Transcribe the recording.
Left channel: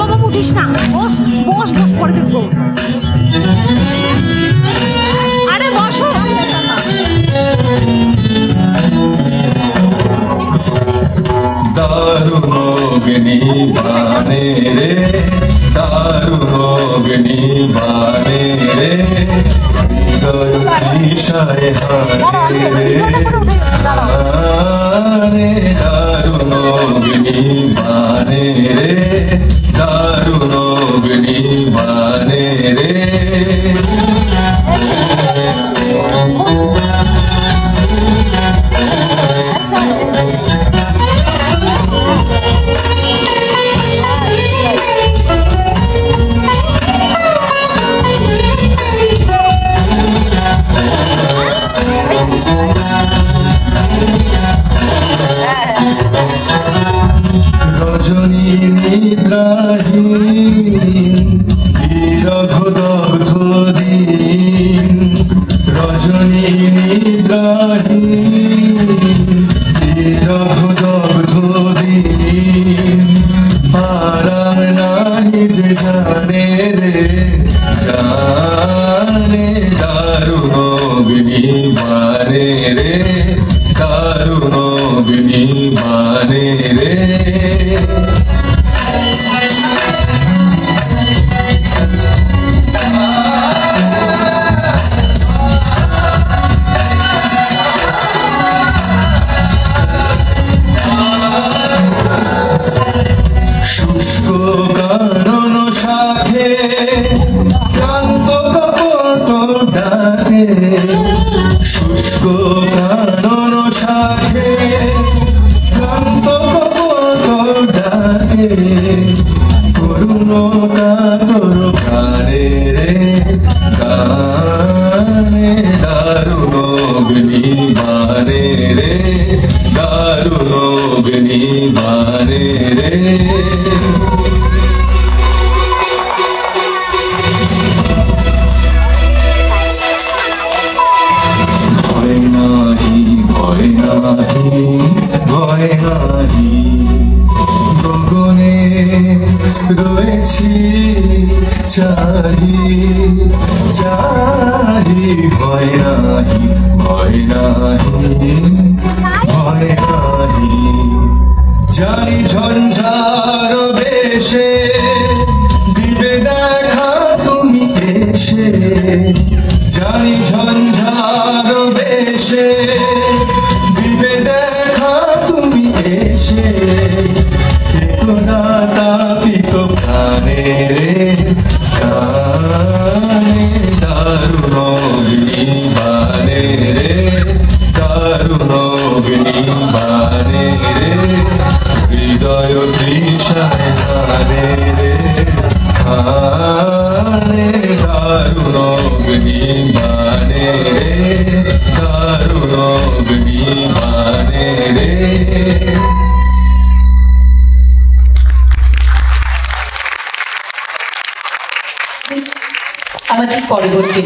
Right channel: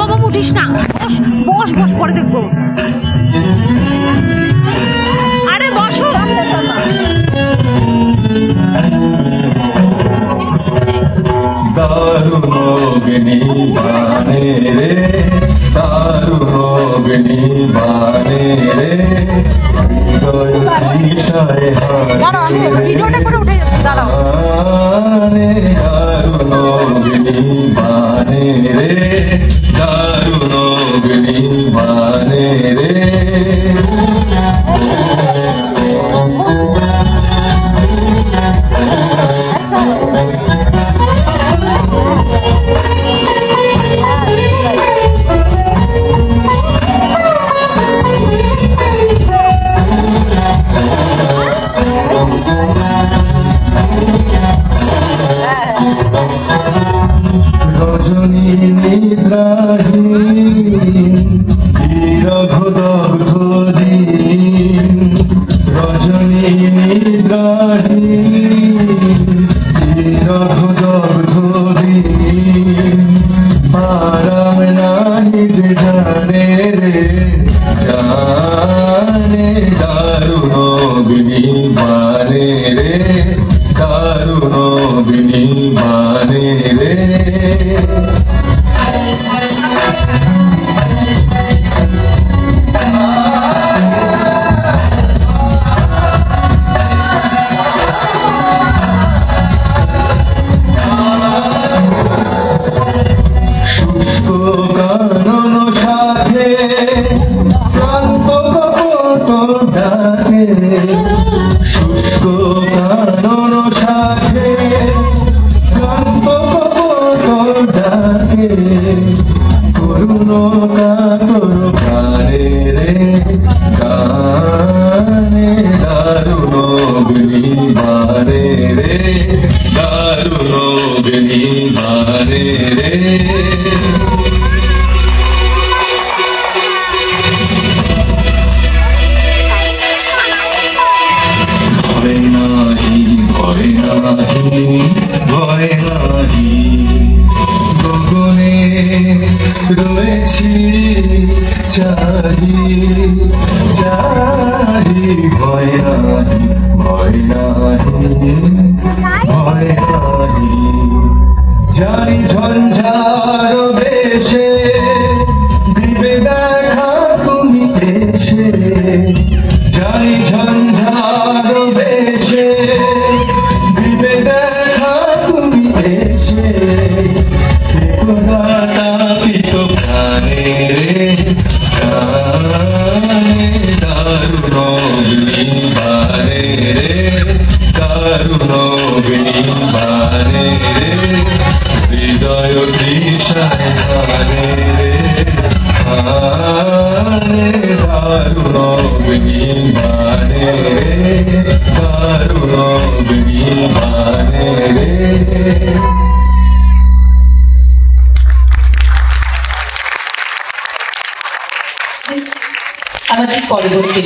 বাবা উঠিস না, বস বস বস, পরে দেখবো। আরে বসো। দারুণ অগ্নি বানে রে, দারুণ অগ্নি বানে রে, হৃদয় তৃষায় হানে রে, দারুণ অগ্নি বানে রে, দারুণ অগ্নি বানে রে। রজনী নিদ্রাহীন বিরঘদগ্ধ দিন, রজনী নিদ্রাহীন বিরঘদগ্ধ দিন, আরাম নাই যে জানে রে, জানে দারুণ অগ্নি বানে রে, দারুণ অগ্নি বানে রে। শুষ্ক কানন শাখে ক্লান্ত কপোল ডাকে, শুষ্ক কানন শাখে ক্লান্ত কপোল ডাকে, করুণ কাতর প্রাণে রে, প্রাণে দারুণ অগ্নি বানে রে, দারুণ অগ্নি বানে রে। ভয় নাহি ভয় নাহি ভয় নাহি, গগনে রয়েছে চাহি চাহি, ভয় নাহি ভয় নাহি ভয় নাহি, যাই ঝঞ্ঝার বেশে দিবে দেখা তুমি এসে, যাই ঝঞ্ঝার বেশে দিবে দেখা তুমি এসে, তাপিত প্রাণে রে, প্রাণে দারুণ অগ্নি বানে রে, দারুণ অগ্নি বানে রে, হৃদয় তৃষায় হানে রে, হানে দারুণ অগ্নি বানে রে, দারুণ অগ্নি বানে রে। আমাদের পরবর্তী